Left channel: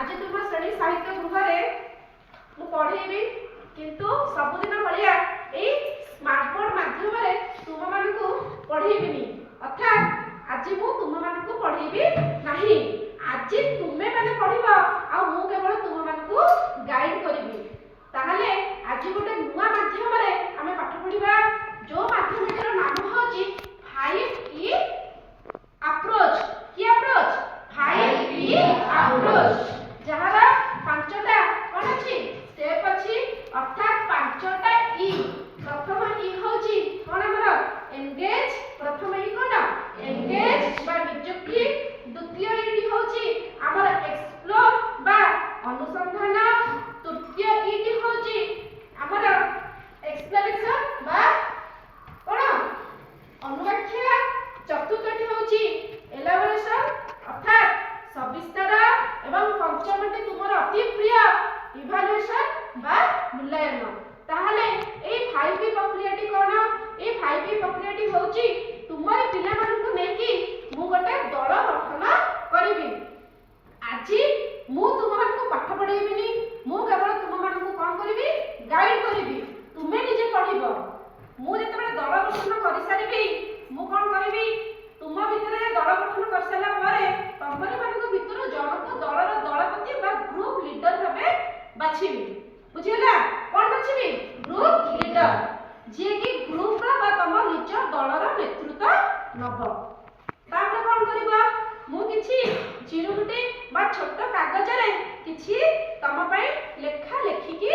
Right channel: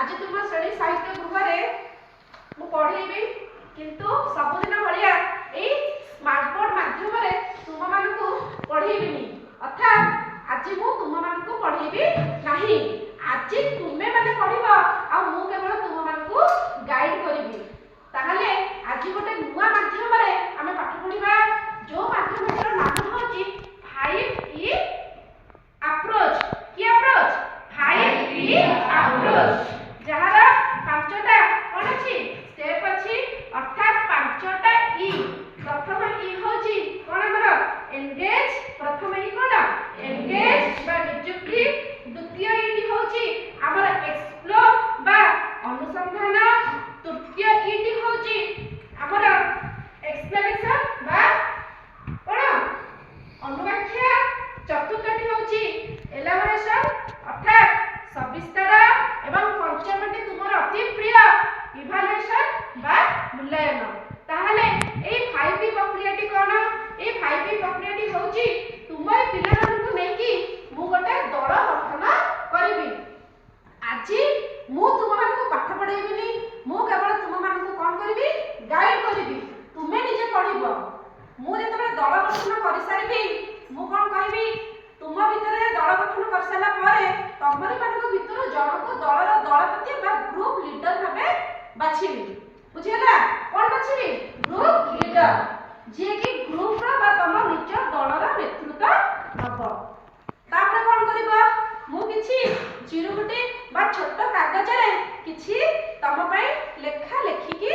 आज तुम श्रेणी साहित्य गृह मु पढ़ेबी किंतु सबुदिन भाया यही स्मार्ट बोर्ड माध्यम तुम मानू पढ़ेबिनी अर्थात आज मु तुम मानू पढ़ेबी नहीं। आज तुम्हें मैंने पढ़ आ मु केवल तुम मानू गाइड करी ताहले आज गोटे नुआ माध्यम आम पाठ पढ़ा जो माध्यम नाम हूँ 5E अप्रोच की अप्रोच 5E अप्रोच जहार पांचटा कौन अच्छी स्टेप अच्छी अर्थात पांचटा ई। प्रथम ई होची कौन हमर एंगेज प्रथम ई कौन एंगेज बा नियुक्ति। द्वितीय ई होची हमर एक्सप्लोर बा अनुसंधान। तृतीय ई होची हमर एक्सप्लेनेशन बा कौन अनुव्याख्या। चतुर्थटी होची एलाबोरेशन अर्थात सविस्तार एवं पंचमटी तुमर अति प्रिय इभालुएशन बा मूल्यांकन। ताहले ए 5P प्रक्रियाटी कोन ए 5P प्रक्रियाटी होची तुमर पिला मानकु नेकी मु गोटे दल गठन करिवि। आज मु तुम मानकु पाठ पढाइबिनी मु केवल तुम मानकु कोन करिवि गाइड करिवि तुमे निजे पढिबो। मु जेतबे दल गठन करि सारिबि मु कोन करिवि तुम भितर दल गठन कर सारा परे तमरी मानक भितर जनक दलर दलपति बा ग्रुप लीडर भाबे बाछिबि। बुझिला कोन बाछिबि ग्रुप लीडर जे कि ग्रुप रा बा तम निज दलर नेतृत्व नब। तापर कोन करबा मु किछि चिरुगुटी बा छोट कागज रे किछि तम पई लेखा लेखिकी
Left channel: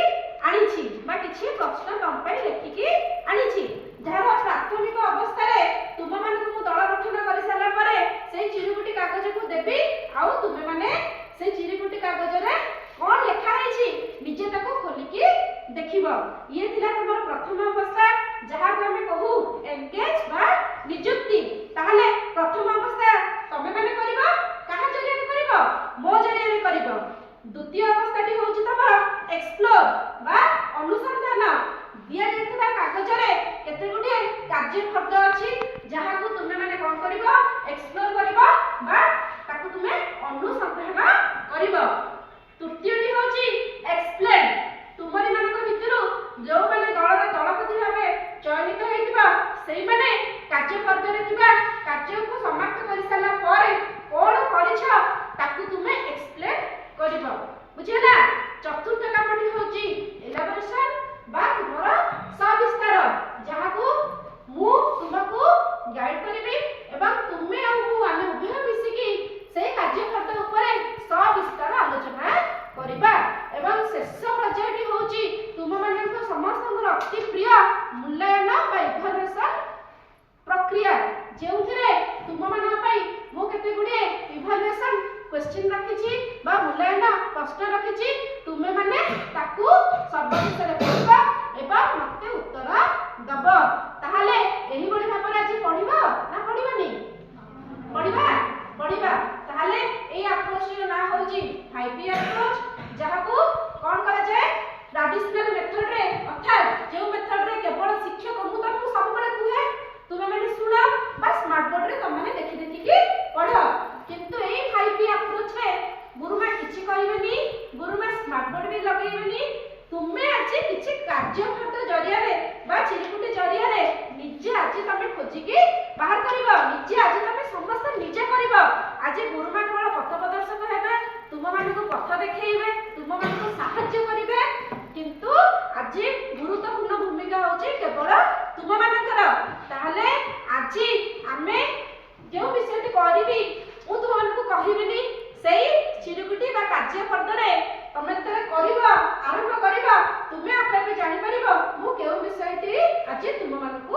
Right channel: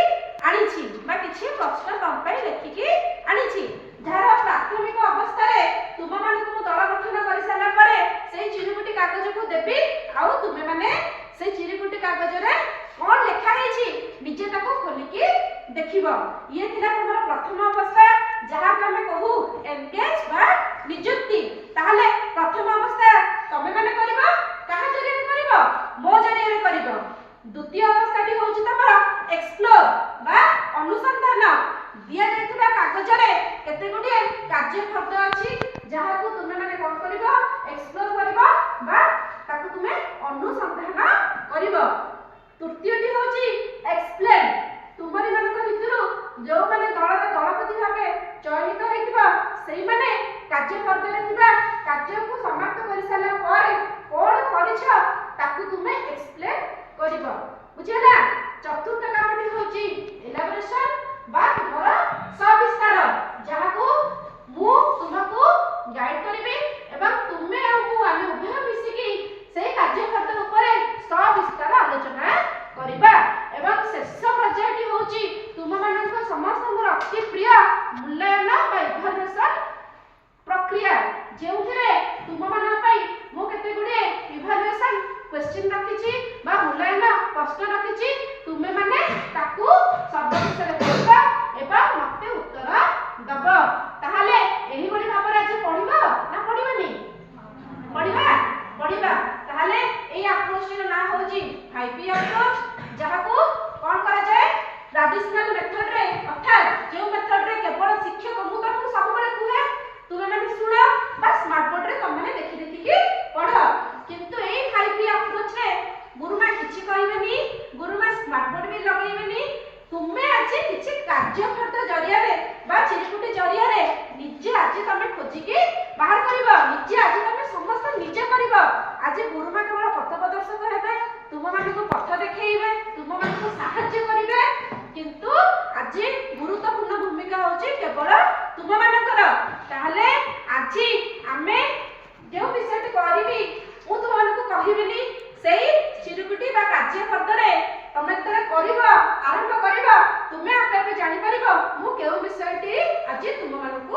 आनिछि बा किछि प्रश्न तम पई लेखिकी आनिछि जहार प्राथमिक अवस्था रे तुम मानक मु दल गठन कर सारा परे से चिरुगुटी कागज को देबी आउ तुमे माने से चिरुगुटी कागज रे कोन लेखा हेछि निजे ताको खोलिकी देखिबो। ये थिला हमर प्रथम अवस्था जहा को हम कहू एंगेज बा नियुक्ति। ताहले प्रथम अवस्था तमे माने करबो कहा जरिया रे करबो मो जरिया रे करबो। द्वितीय अवस्थाटी होछि तमर एक्सप्लोर बा अनुसंधान। दिया जायतिबा कागज रे केते गुडी कार्य शब्द अछि जहा को तुमे माने कोन करबो एक्सप्लोर करबो बा ताको तुमे अनुसंधान करबो। तृतीयटी होछि एक्सप्लेन। तुमरी मानक भितरु जो माने दलरे दलपति भाबे चयनित होइतिबा सेई माने कार्य शब्द रे थिबा कार्य को समाप्त करि साला परे कोन करिछ ताकू तुमे एक्सप्लेन करबो। बुझिला। चतुर्थ कामटी होछि एलाबोरेशन बा तुमर सविस्तार जहा को मु तुमको गाइड करिबी एवं तुमे आ मु आमे उभय मिसिकी से कार्य शब्द ऊपर सविस्तार आलोचना करिबा। एवं शेष पर्यायटी होछि तुम मानक समस्त अति प्रिय मूल्यांकन बा इभालुएशन प्रक्रिया जेउथिरे तुम मानक पई मु केते गुडी इभालुएशन क्वेश्चन रखिछि बा मूल्यांकन प्रश्न रखिछि तुमे माने ताकू सर्वविषय पढिबा एवं मते उत्तर दब। ताहले एही बडी भाबरे आज पढिबो ना पढिबानी पढिबा पढिबा। ताहले एई अप्रोच रे ना होछि 5P अप्रोच जहा को कोन करा जाय ट्रेडिशनल मेथड रे अर्थात जो मेथड रे केवल शिक्षक मु तुमको सब बळे कुहे तुमे माने सुनो बा स्मार्ट बोर्ड रे तुम माने देखि देखि की पढ। किंतु एई 5P अप्रोच रे गुरुमा किछि कहिबेनी गुरुमा स्मार्ट बोर्ड भी लगैबेनी तुमे आज किछि कार्य शब्द जरिया रे बा चिरुकुटी जरिया रे निजे आज तमे खोजी की बाहर करिवो निजे आज तमे समस्त निजे करिवो। आज गुरुमा केवल पथ प्रदर्शक हेबे तुम मानक पथ देखैबे तुम मानक सहाय्य करिवे किंतु आज गुरुत्वपूर्ण भूमिका होछि केवल तुम मानकर। ताहले आज आमे जो विषय करिवि मु तुम मानक कहिबिनी सेई चिरुकुटी बा कार्य शब्द रे तमे तरे करिवो आरंभ करिवो तुमे आपे आपे जानि परिबो मु केउ विषयटी आज तुम मानक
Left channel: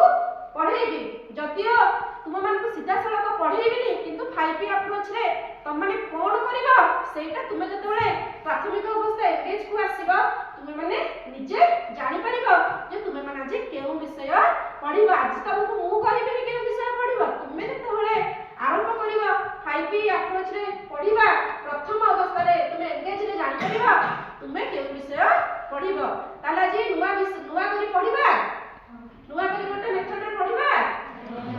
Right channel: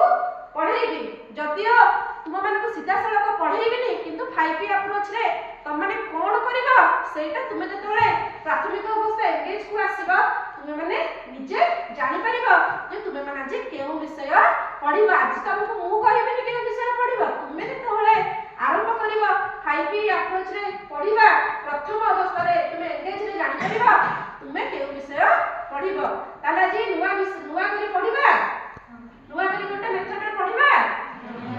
पढाइबी। जदियो तुम मानक सीधा सड़क पढाइबिनी किंतु 5P अप्रोच रे तुम माने कोन करिवो सेटा तुमे जतबेले प्राथमिक अवस्था एंगेज को आसीबो तुमे माने निजे जानि परिबो जे तुमे माने आज केउ विषय पढिबो। आज तुमको मु कहिबिनी केउ विषय पढिबो तुमे जतबेले आरंभ करिवो 5P अप्रोच रे पढिबा प्रथम अवस्था रे तुमे एंगेज रे जानि परिबो तुमे केउ विषय पढिबो। ताला जे नुवा करी पढिबा नुवा करी गोटे मेथड रे पढिबा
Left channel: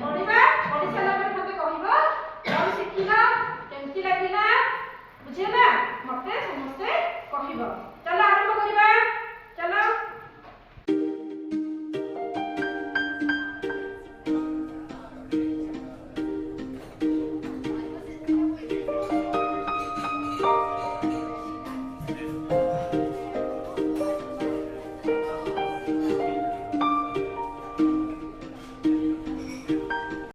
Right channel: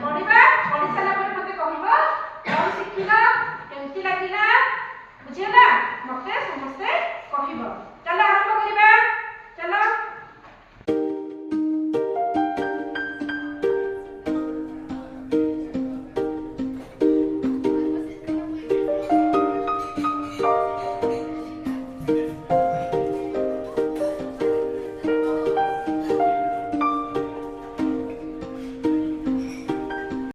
पढिबा पढि साला पर मते कहिबो कोन शिखिबा केमति लागिला ବୁଝିହେଲା? ମତେ ସମସ୍ତେ କହିବ। ଚାଲ